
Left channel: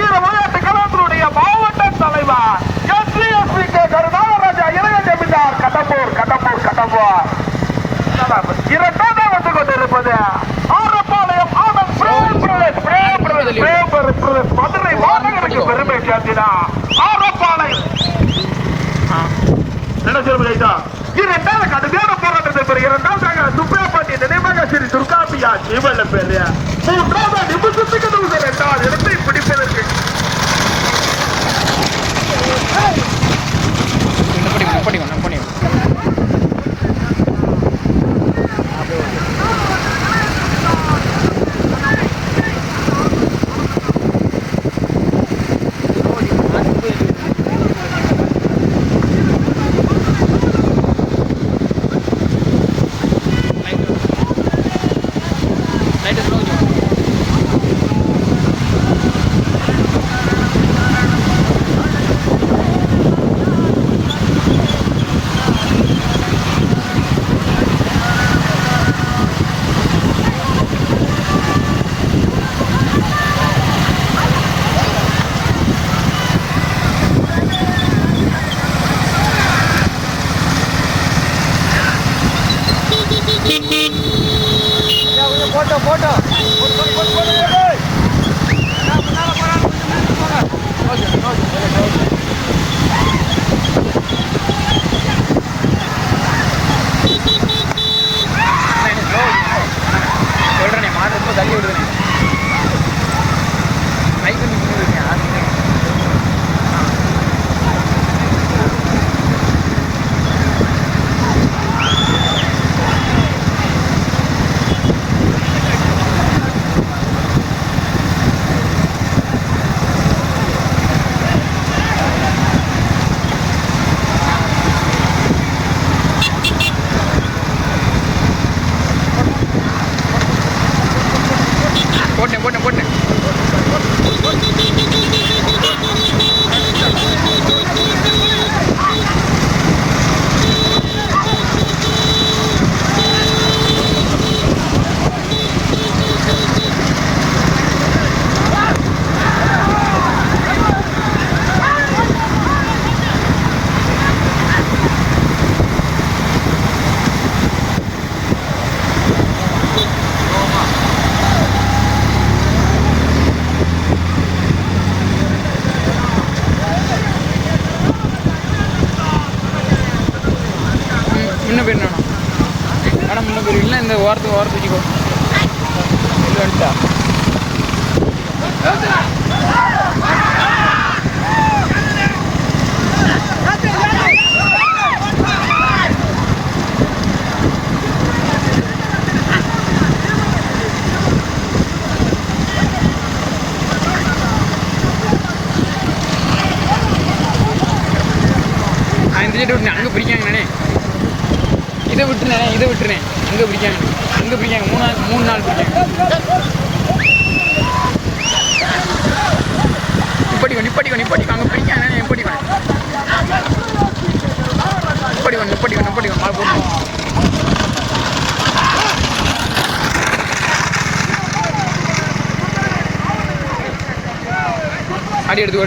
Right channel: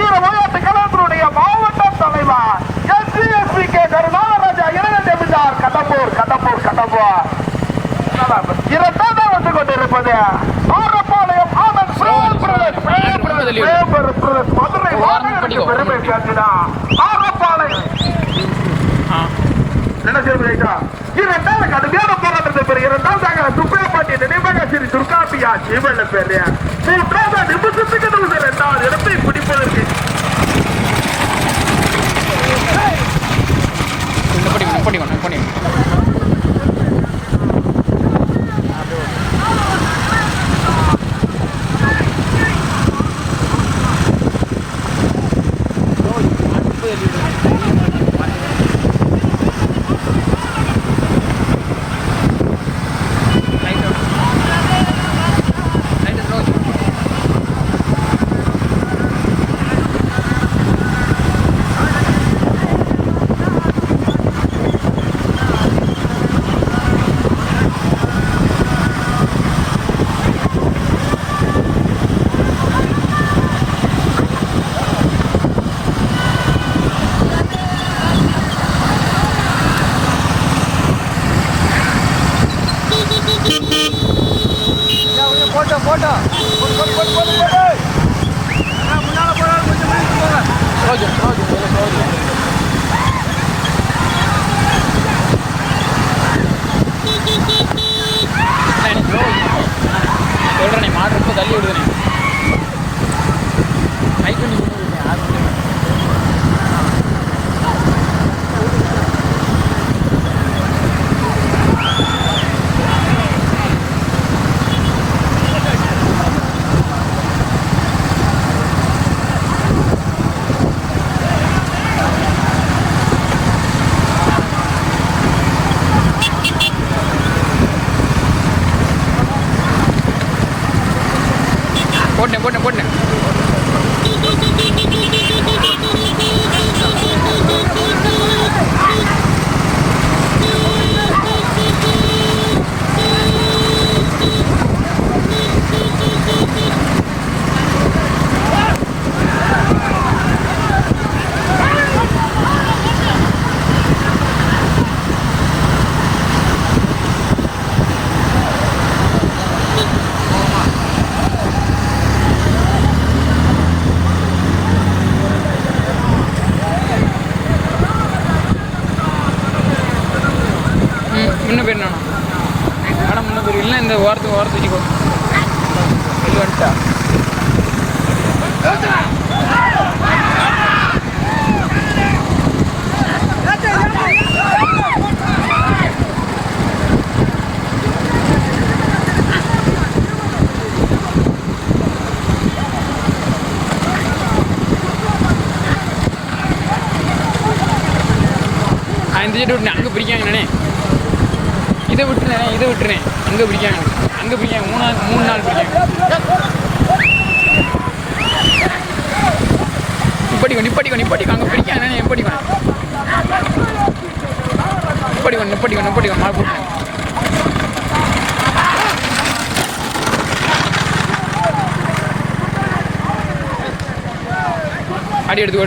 வீர விளையாட்டு கழகத்தினுடைய மாவட்ட தலைவர் SSPK கருணாகராஜா இளைய ஜமீன்தார் கடம்பூர் கடம்பூர் கடம்பூர் இரண்டாவது வந்து கொண்டிருப்பது ஆரப்பாளையம் ஆனந்த் மதுரை மாநகருக்கு பெருமை சேர்த்தினா ஆரப்பாளையம் என்ன செய்ய இரண்டாவது கடுமையான போராட்டத்தை பெறும் இரண்டாவதாக சுப்பிரபாண்டிய நினைவாக ஸ்ரீ துர்காபியா ஜீவன பேர் மூன்றாவது நிமிஷத்துக்கு இரண்டாவது இடத்தை பிடிப்பதற்கு போட்டேன் முன்ன பேர் நானா ஆனால் முன்ன பேர் இல்லை இந்த ஓரத்துக்கு வச்சுக்கோ வெளியே வந்துட்டா இந்த சைடு விட்டு அங்கே பிரிக்காங்கண்ணே இதை விட்டுறேன் அங்கே பிரிக்காங்க 3 நாள் பிரிக்காங்க நிப்பாட்டிக்கோ அங்கே பிடிக்காங்க நிப்பாட்டிக்கோ மா போட்டு அடி எடுத்து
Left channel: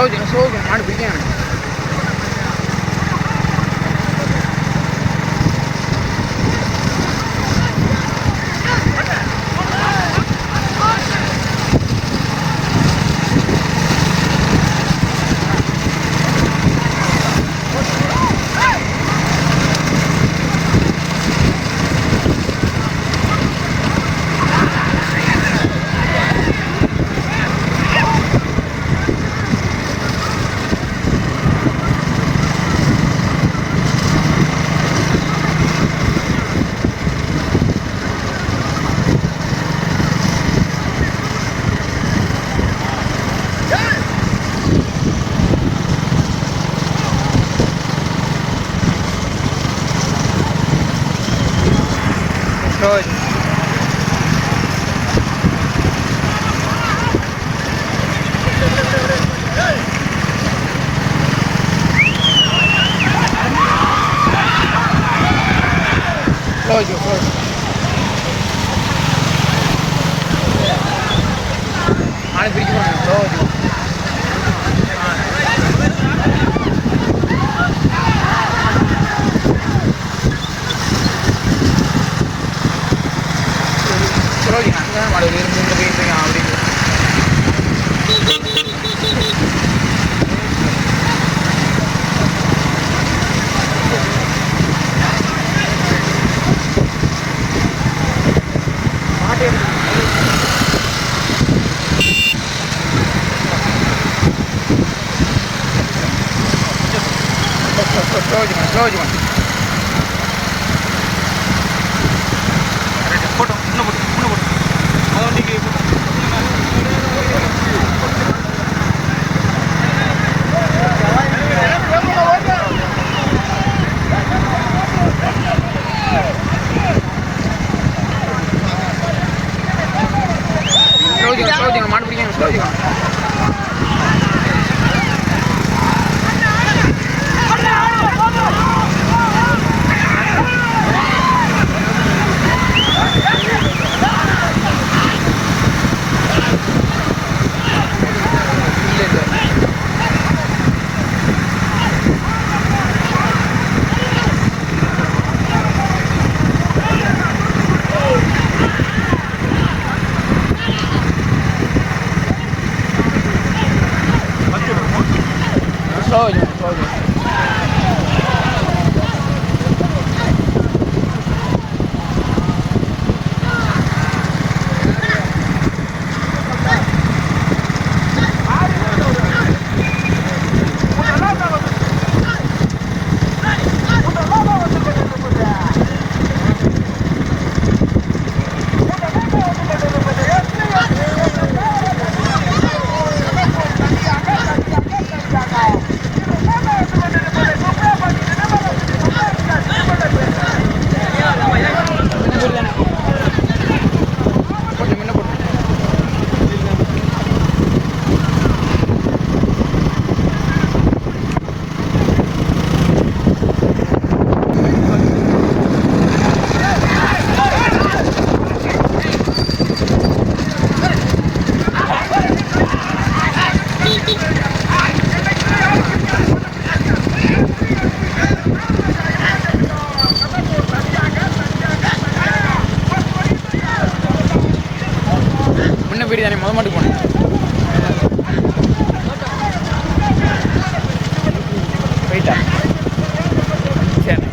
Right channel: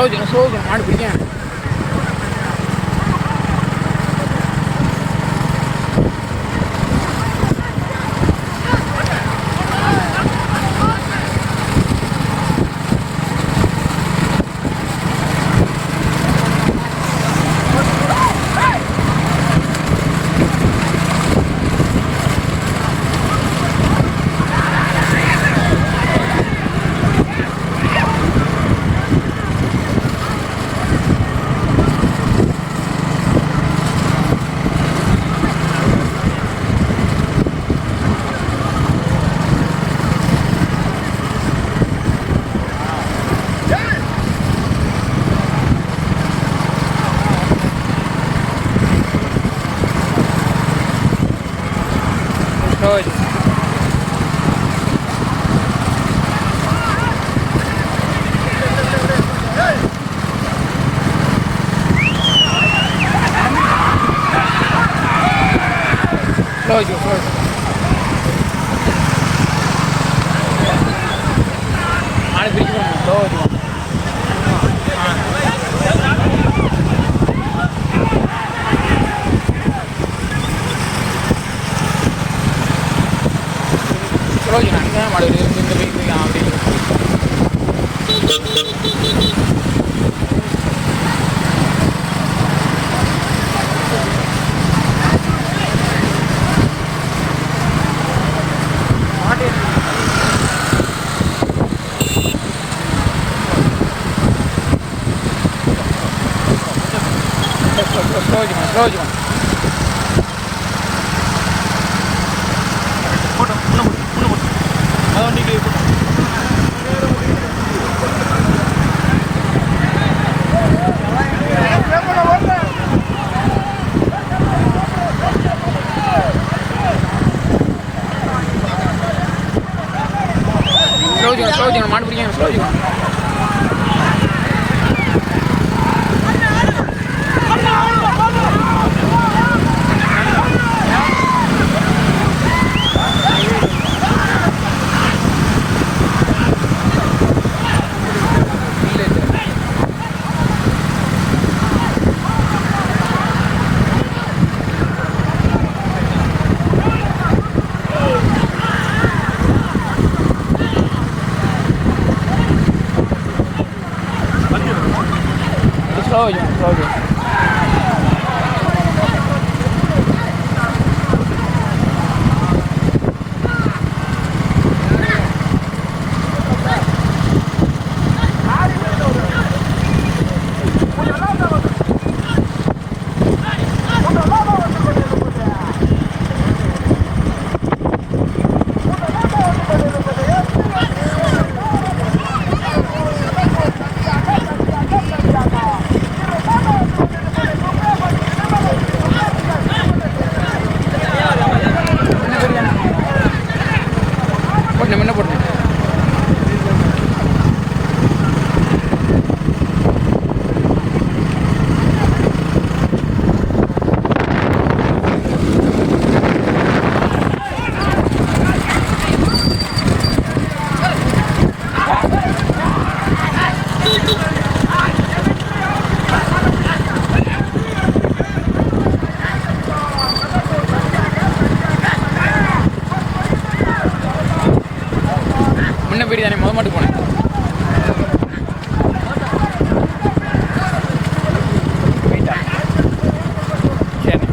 ஸ்லோ மாடு பிடிக்காங்க மாடு பிடிக்க slow. வீடு தானே முத மாட்டுக்கு போனேன். போயிட்டா சரி.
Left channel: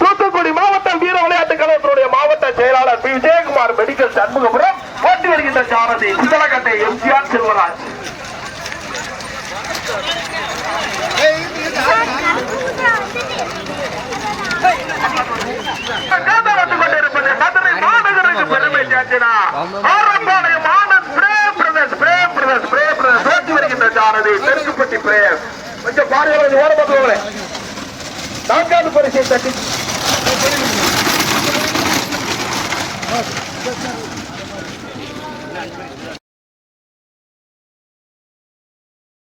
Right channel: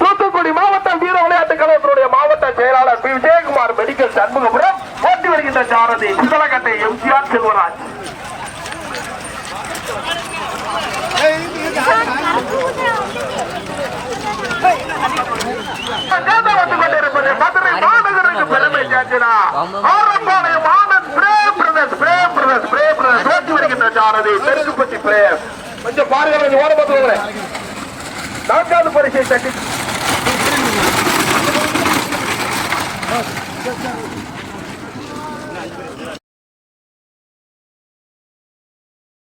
தூத்துக்குடி மாவட்டம் வீர விளையாட்டு கழகத்தினுடைய மாவட்ட செயலாளர் பி விஜயகுமார் மெடிக்கல் சண்முகபுரம் ஓட்டி வருகின்ற சாரதி சிதலக்கட்டை எம்ஜிஆர் செல்வராஜ். கொண்டிருப்பது மதுரை மாநகருக்கு பெருமை சேர்த்தினா ஆரப்பாளையம் ஆனந்த் பிரேம் ஓட்டி வருகின்ற சாரதி தெற்குப்பட்டி பிரேம். கொஞ்சம் பாருங்கள், ஓரப்பட்டு நான்காவது பரிசை கட்டி